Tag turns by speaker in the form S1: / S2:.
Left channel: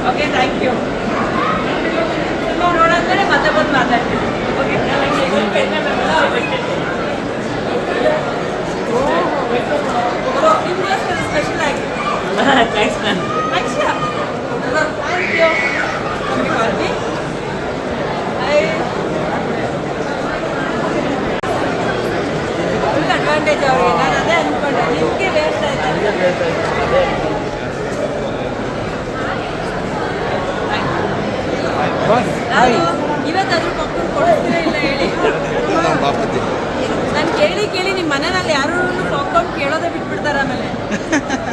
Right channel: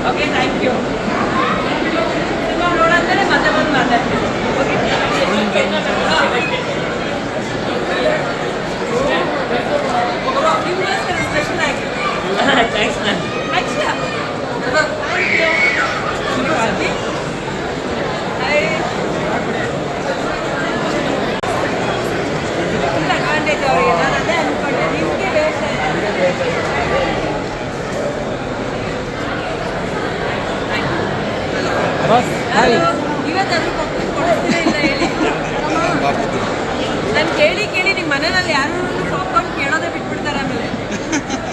S1: Okay, thank you. ಅಲ್ಲಿ ಯಾರು ಕೇಳೋದೇ ಬಿಟ್ಬಿಡ್ತಾರೆ ಆಮೇಲೆ